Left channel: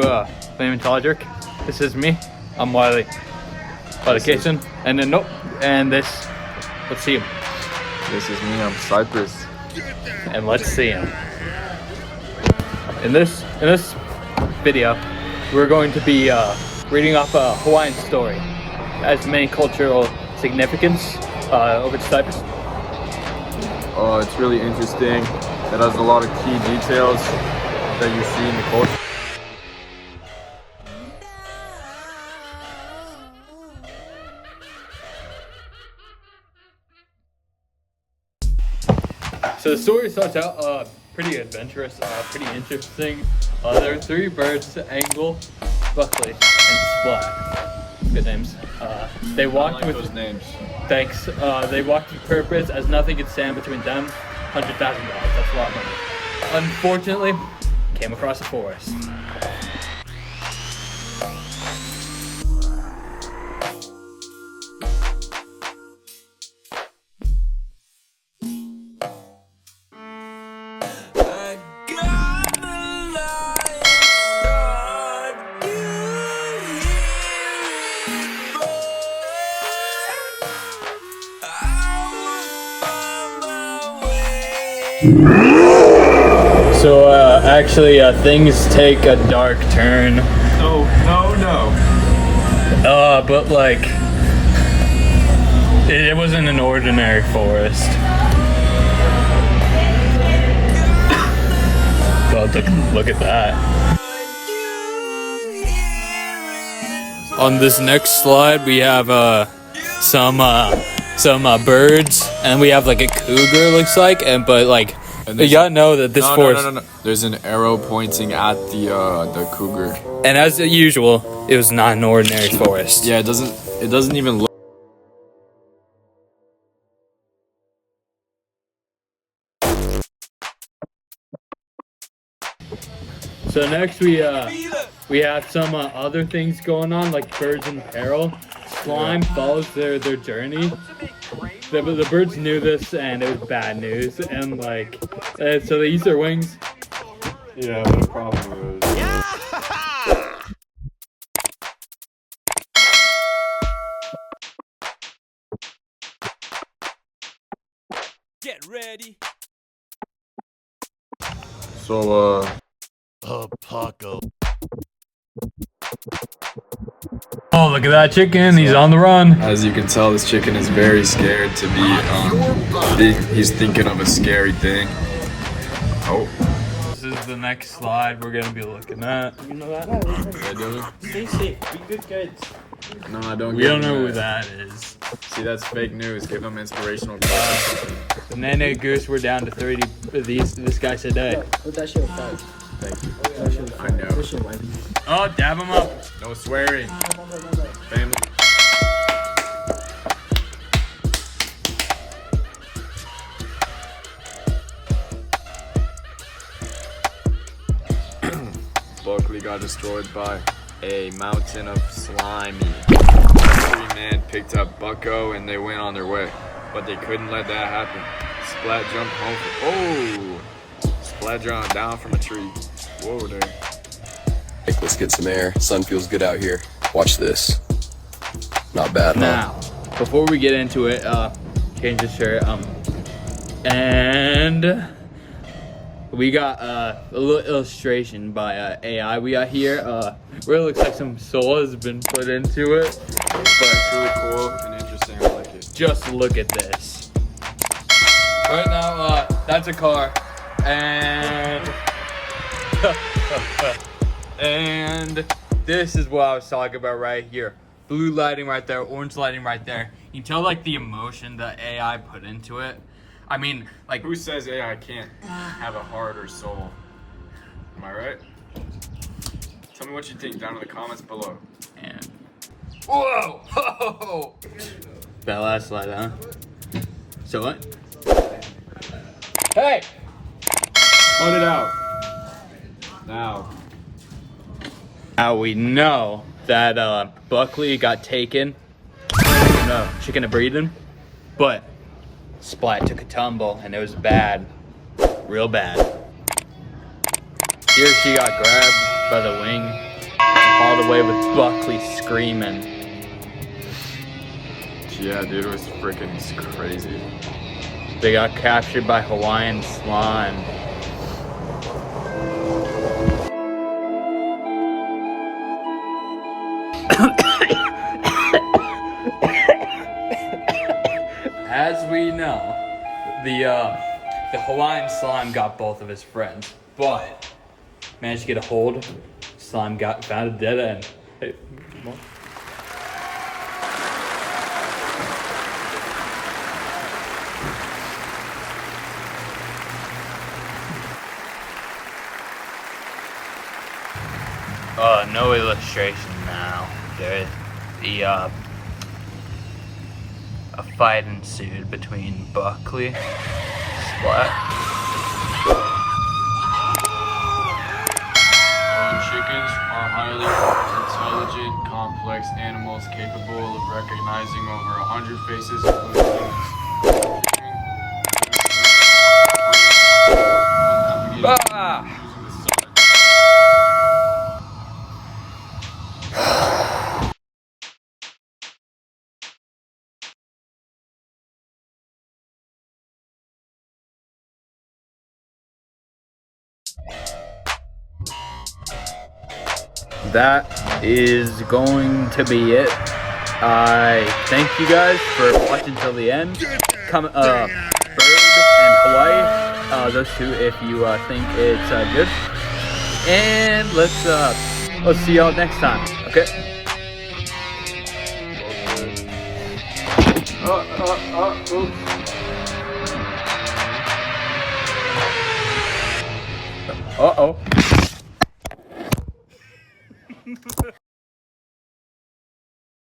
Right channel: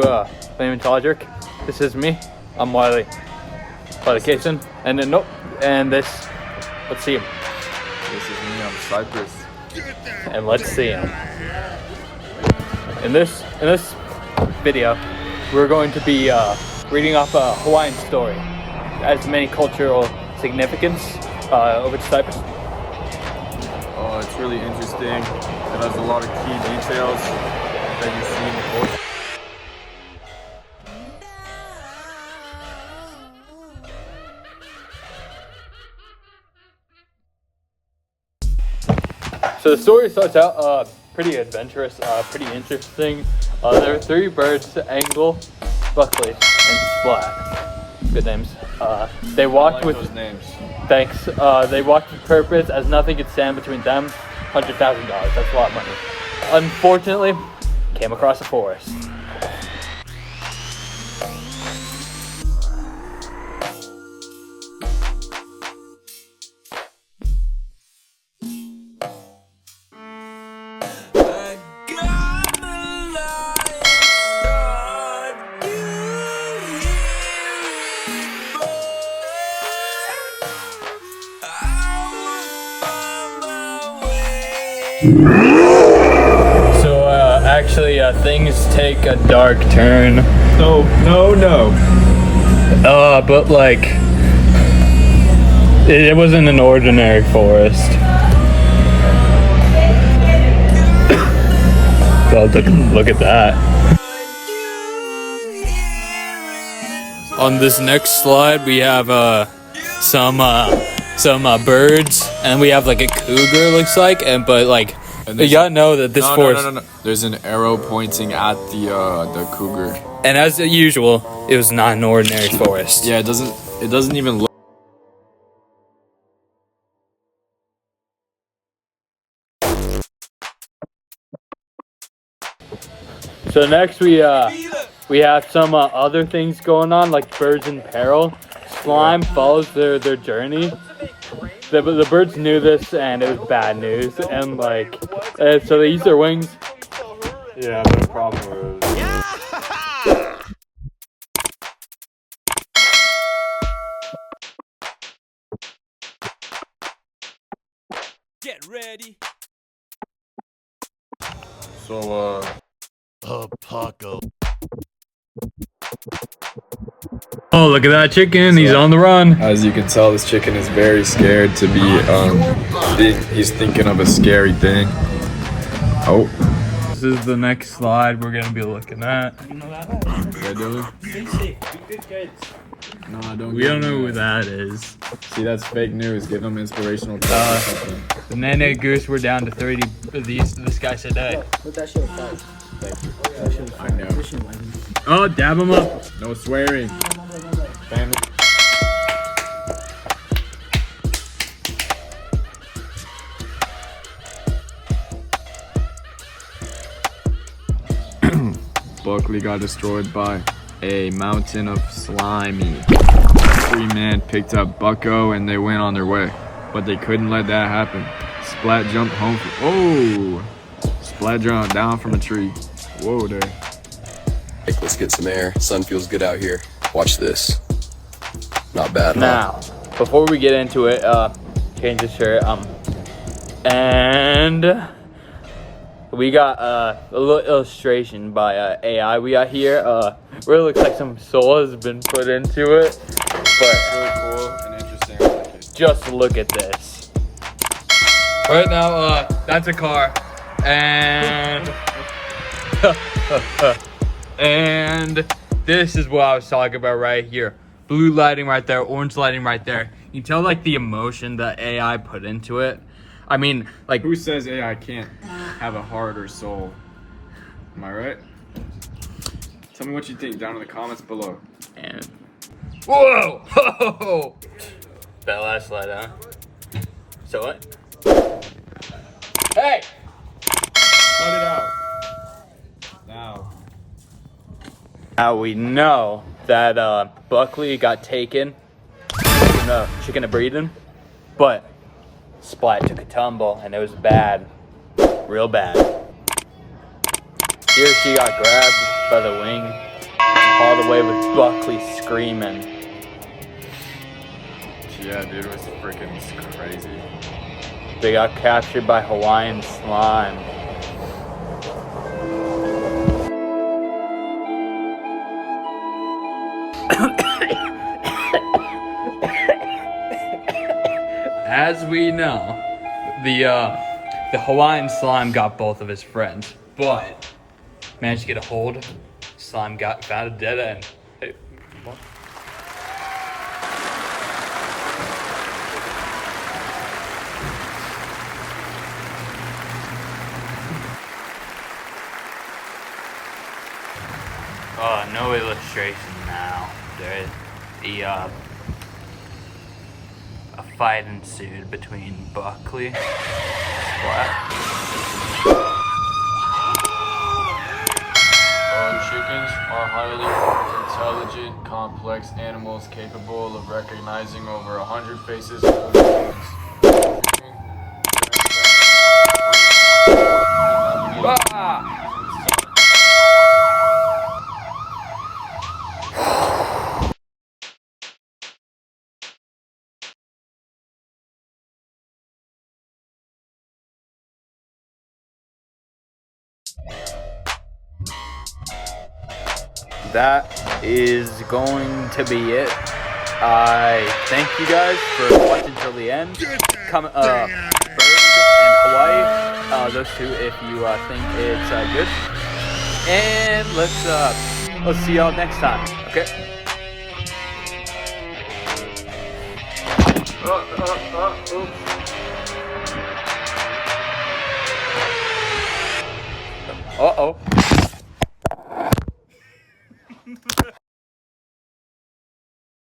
Paleontologic. This is me. I'm Wiley. Publication. And then nope. And this. Let's see him. This is me. I'm Cypress. And let's see him. In this video, we're going to be reading off a Hawaiian story. It has many cultural significance over the Cypress. It's really interesting. It has a lot of key details that you see in the culture. So the story starts out pretty adventurous, pretty interesting. There are three birds: Angle, Buckley, and Splat. Good names. They walked with those names. Thanks. They walked with purpose, as nothing could stand between them. $100,000. That's a lot of money. Unfortunately, came across a forest. So actually things take a dark turn. No. But like it wasn't an ordinary forest. So look at that. On this next slide we have some birds, and we have like a cougar, looks like, but you gotta know that this forest. No. There's an arrow pointing at the cougar. And as usual, it was not an ordinary forest. Yeah, it doesn't even look. So next we have some other things going on, like birds in peril. Slime follows their journey. The birds knew this, and it was bad news. And so they use their wings. Yeah, but the problem is. Get ready. So Paco. Oh, look at that chicken! He's on the run. as you can tell, this chicken is very scared to be. He's thinking of a scary thing. Oh. This is the next slide we're gonna be looking at. I do? Stay safe. Be good kids. No, I don't. We don't know who that is. See, that's fake news. Give them inspirational. The Nene Goose, we're down to 30 of this guy said that. Put that shit back. That shit I know. This shit might be. Oh, dab him up. No swearing. Family. Buckley got destroyed by a mountain of slimy. Three men picked up Bucko and they went on their way, but they couldn't let that happen. Splat jumped home. Splat jumped down from a tree. Whoa there. Let's get some air. Sun feels good out here. Watch this. Not bad, huh? Now, before we get into it, change this shirt. And we got a little illustration by AI we got here. Really looks like some soul has been put into it. But It's really cool and interesting. I like it. just look at this. Right now, that's a car. And and this is what I was talking about right here. Blue lighting right there, orange lighting right there. You can tell like the emotion that AI put into it. I mean, like, Who says AI can't have a heart or soul? Am I right? Tell me what you think down in the comments below. and whoa, ho. That last slide, huh? So what? Hey! Cut it out. Now. Now we know that Buckley got taken, chicken and breeding, but Splat took a tumble and it was bad, real bad. Here she got grabbed by the wing all the way with Buckley screaming. Yeah, dude, it was freaking crazy. They got captured by Hawaiian slime. As we know, the Hawaiian slime got both of his friends, but managed to get a hold. Slime found a dead end. Hey, come on. No illustration now. A fight ensued between Buckley. What? Chickens are highly intelligent, complex animals capable of recognizing over 100 faces of human beings. Ah! That is going to be it. I thank you guys for watching till the end. Bird and Hawaii, those two, if you think it's good. And let's see y'all next time. Okay. Oops. Uh-oh.